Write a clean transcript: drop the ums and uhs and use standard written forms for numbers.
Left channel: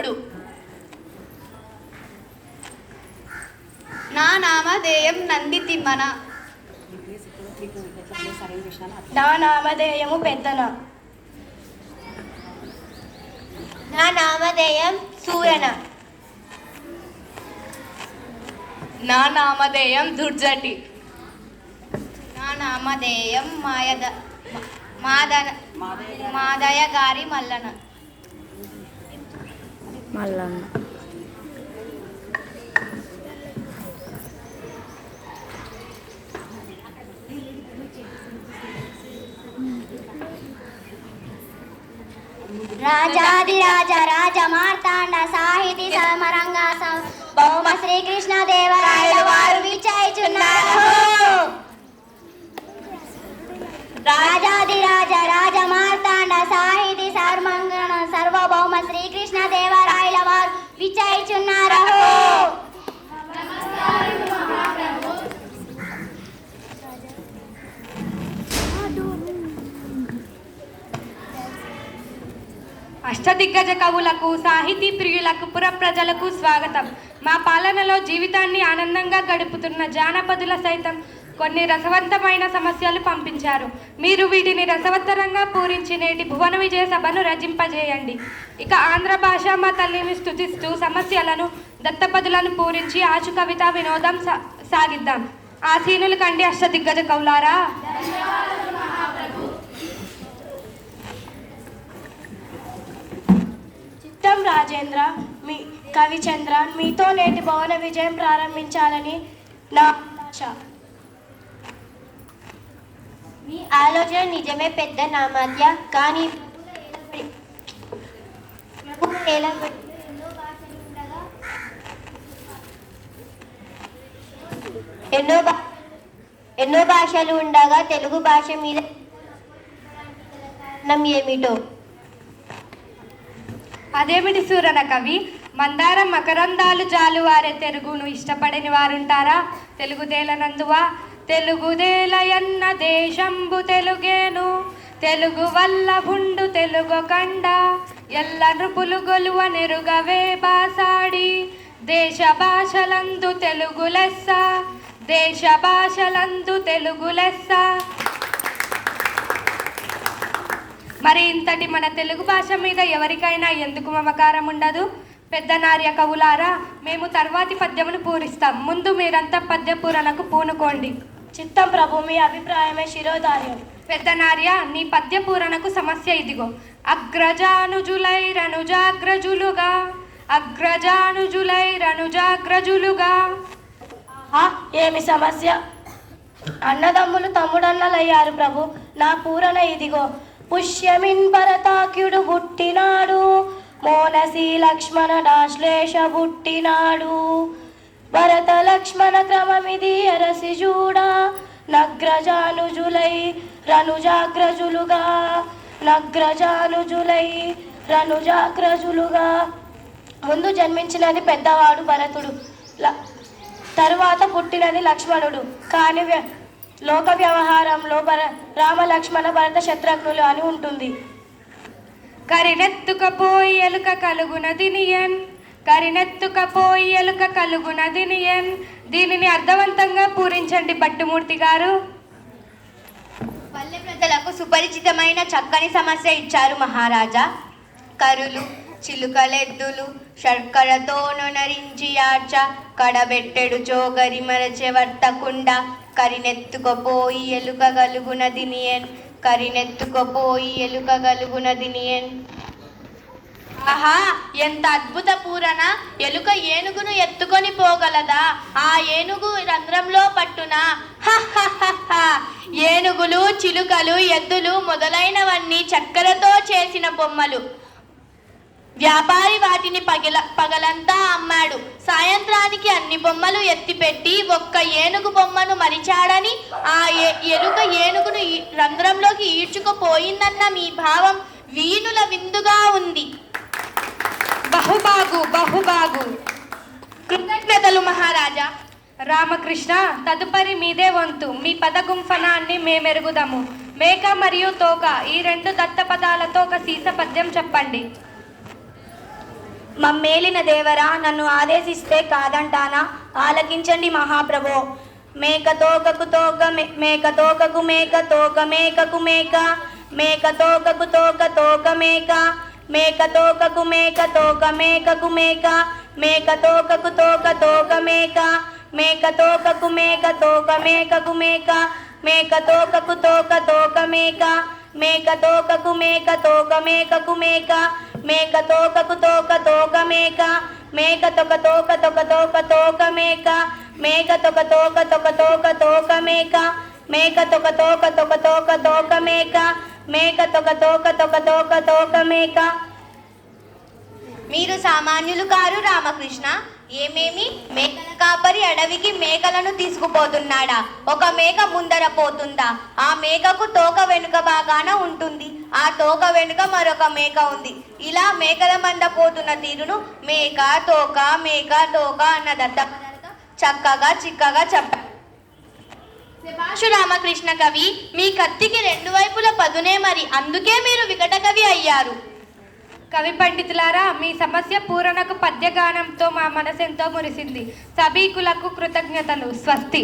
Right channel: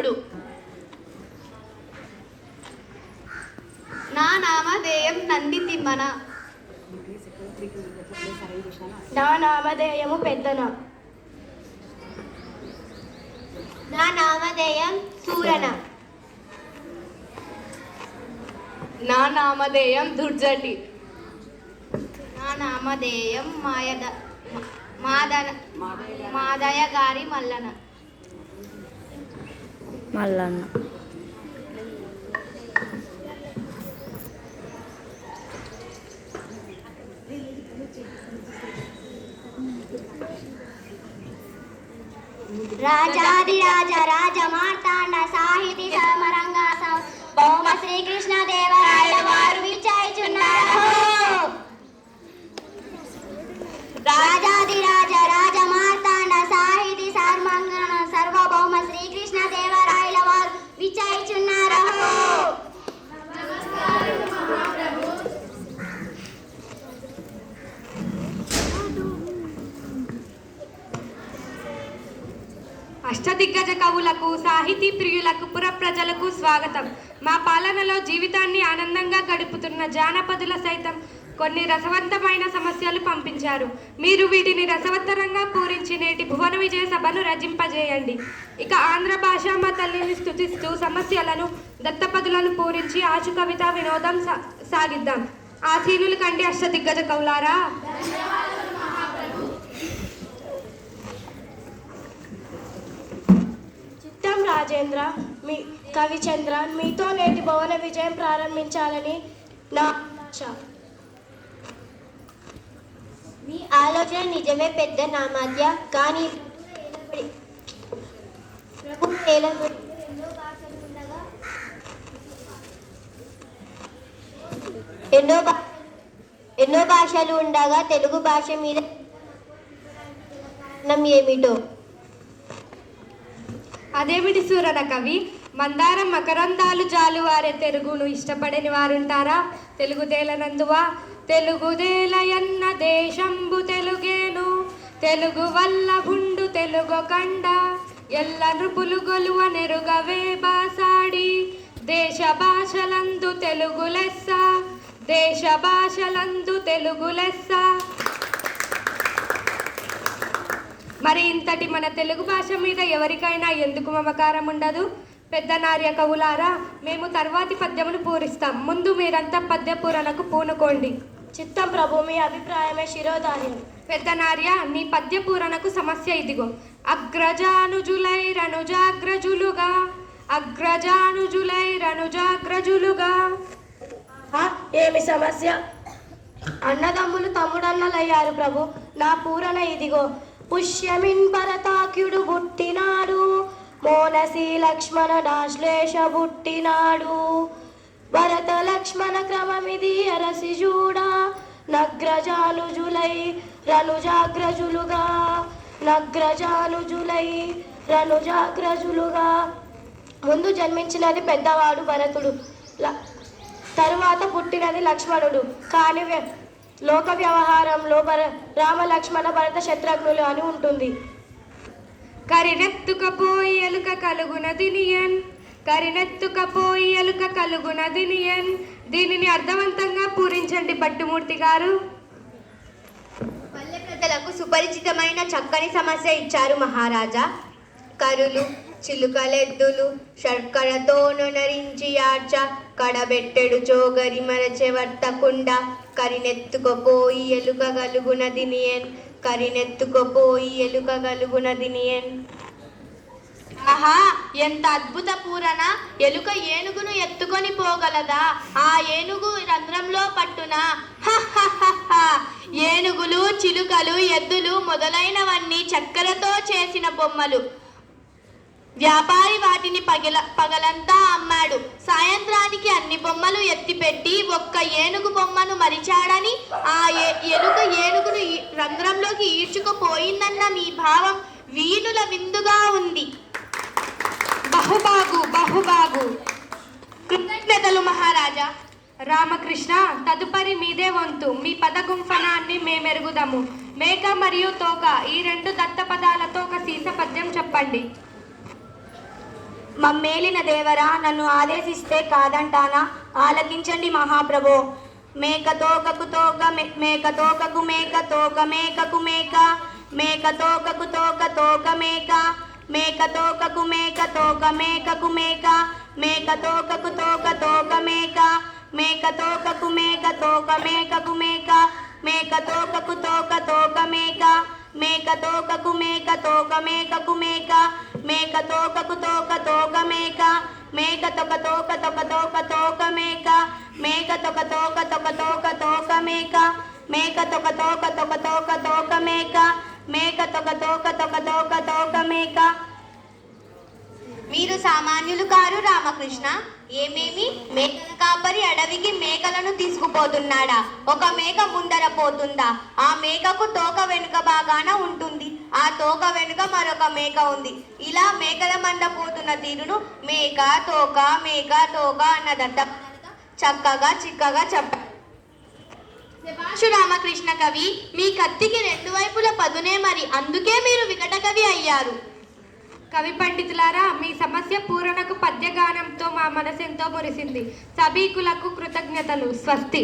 పుత్రుడు. నా నామధేయం నంది తిమ్మన. నా నామధేయము పెద్దన. నా నామధేయం సూరన. నా నామధేయం దుర్జటి. నా నామధేయం మాదయ గారి మల్లన. రాజాదిరాజ రాజ మార్తాండ సాహితీ సమరంగా భౌమ శ్రీకృష్ణ దేవరాయల వారు విచయిచున్నారు. రాజాదిరాజ రాజ మార్తాండ సాహితీ సమరంగణ సర్వభౌమ శ్రీకృష్ణ దేవరాయల వారు విచయిచున్నారు. అష్టదిగ్గజ కవులకు, సాహితీ ప్రియులకు, పుర ప్రజలకు స్వాగతం. మా పాలనలో జీవితాన్ని ఆనందంగా గడుపుతున్న జానపదుల సైతం కొన్ని రసవంతమైన సమస్యలు పంపించారు. మీరు వీటిని రసవత్తరంగా పూరించి నేటి భువన విజయ సభను రచింపజేయండి. ఇక ఆంధ్ర భాష మా తల్లిని స్తుతిస్తూ సమస్యలను, దత్తపదులను పూరించి ఆచు కవిత వినోదం సాగిద్దాం. ఆసీనులు కండి అష్టదిగ్గజ కవులారా. చిత్తం రాజేంద్ర, మీ కవిచంద్ర, మీతో నేటి భువన విజయం ప్రారంభించాలని నా ఆశ. మీ ఆలోచన నిజమే పెద్ద నామధ్య, కానీ ఎన్నో భాషలు ఉండగా తెలుగు భాష మీద ఏమిటో. అదేమిటి సూరన కవి? మందారం మకరందాలు జాలువారే తెలుగును ఇష్టపడని వారుంటారా? తెలుగుదేలనందువా? తెలుగుదేలయన్న దేశంబు తెలుగేను, తెలుగు వల్ల భుండు తెలుగు కండ, ఎల్ల నృపులు గొలువ నెరుగవే బాసాడి, దేశ భాషలందు తెలుగు లెస్స, దేశ భాషలందు తెలుగు లెస్స. మరి ఇంతటి మన తెలుగు భాష మీద ఎవరికైనా ఎందుకు మమకారం ఉండదు? పెద్ద నార్య కవులారా, మేము తర్వాతి పద్యమును పూరిస్తాం. ముందు మీరంతా పద్య పూరణకు పూనుకోండి. చిత్తం ప్రభు, మీ అభిప్రాయమే శిరోధార్యం. పెద్ద నార్య, నీ పద్య పూరణకు సమస్య ఇదిగో. అగ్రజానుజులై రనుజాగ్రజులుగా, అగ్రజానుజులై రనుజాగ్రజులుగా. ఏమి సమస్య? అన్నదమ్ములు తమ్ముడన్నలయ్యారు ప్రభు. నా పూరణ ఇదిగో. పుష్యమిన్ భరతాఖ్యుడు పుట్టినాడు, మోనసి లక్ష్మణ డాశ్లేష పుట్టినాడు, భరత లక్ష్మణ క్రమమిది అరసి చూడా, నగ్రజానుజులై రనుజాగ్రజులుగా, నగ్రజానుజులై రనుజాగ్రజులుగా. ముందు జన్మించినది పెద్దవాడు భరతుడు, తరువాత పుట్టినది లక్ష్మణుడు. కానీ లోక వ్యవహారంలో రామ లక్ష్మణ భరత శత్రుఘ్నులు అని ఉంటుంది. కరినెత్తుకపోయి ఎలుక కలుగునదినియన్, కరినెత్తుకపోయి ఎలుక కలుగునదినియన్. దీనిని అర్థవంతంగా పూరించండి భట్టుమూర్తి గారు. పల్లె ప్రజలకు సుపరిచితమైన చక్కని సమస్య ఇచ్చారు మహారాజా. కరులు, చిలుకలెద్దులు శర్కరతోను నరించి యాడ్చ, కడబెట్టెడు చోగరి మరచె వర్తకుండా, కరినెత్తుకపోయి ఎలుక గలుగునదినియన్, కరినెత్తుకపోయి ఎలుక గలుగునదినియన్. ఆహా, ఎంత అద్భుత పూరణ! ఎలుక ఏనుగును ఎత్తుకొని పోగలదా? ఆ ఏనుగు రంధ్రంలో పట్టునా? ఏనుగులు, చిలుకలు, ఎద్దులు మొదలైనవన్నీ చక్కెరతో చేసిన బొమ్మలు. వ్యాపారి వాటిని పగలంతా అమ్మాడు. సాయంత్రానికి అన్ని బొమ్మలు ఎత్తిపెట్టి ఒక్క ఏనుగు బొమ్మను మరిచాడని ఆ ఎలుక ఏనుగును రంధ్రంలోకి ఈడ్చుకుపోయిందన్న మీ భావం వీణుల విందుగా ఉంది. బహుబాగు బహుబాగు. కృతజ్ఞతలు మహారాజా. రామకృష్ణ, తదుపరి మీదే వంతు. మీ పదగుంఫనాన్ని మేమెరుగుదాము. మేక మరియు తోక, ఈ రెండు దత్త పదాలతో ఒక సీస పద్యం చెప్పండి. మమ్మేలిన దేవరా నన్ను ఆదేశిస్తే కాదంటానా? ఆలకించండి మహాప్రభో. మేక తోకకు తోక మేక తోకకు మేక తోక మేకకు మేక మేక తోకకు తోక తోక మేక మేక తోకకు మేక తోక మేకకు మేక మేక తోకకు తోక తోక మేక మేక తోకకు మేక తోక మేకకు మేక మేక తోకకు తోక తోక మేక మేక తోకకు మేక తోక మేకకు మేక మేక తోకకు తోక తోక మేక మేక తోక తోక తోక తోక తోక మేక మేక తోక తోక తోక తోక తోక మేక మేక తోక తోక తోక తోక తోక మేక మేక తోక తోక తోక తోక తోక మేక. మీరు సామాన్యులు కారు రామకృష్ణ. ఏమేమి మేకల కాపరి అడవికి మేకలను తీసుకుపోతున్నాడా? ఒక మేక ముందర పోతుందా? ఆ మేకకు తోక వెనుక బాగాన ఉంటుంది. ఆ తోక వెనుక మరొక మేక ఉంది. ఇలా మేకల మంద పోతున్న తీరును మేక తోక అన్నదట. చక్కగా చిక్కగా చెప్పారు. శభాషు రామకృష్ణ కవి, మీ కత్తికి రెండు వైపుల పదునే, మరి అందుకే మీరు వికట కవి అయ్యారు. కవి పండితులారా, మీ సమస్య పూరణకు పద్యగానంతో మా మనసెంతో మురిసింది. సభికులకు కృతజ్ఞతలు. స్వస్తి.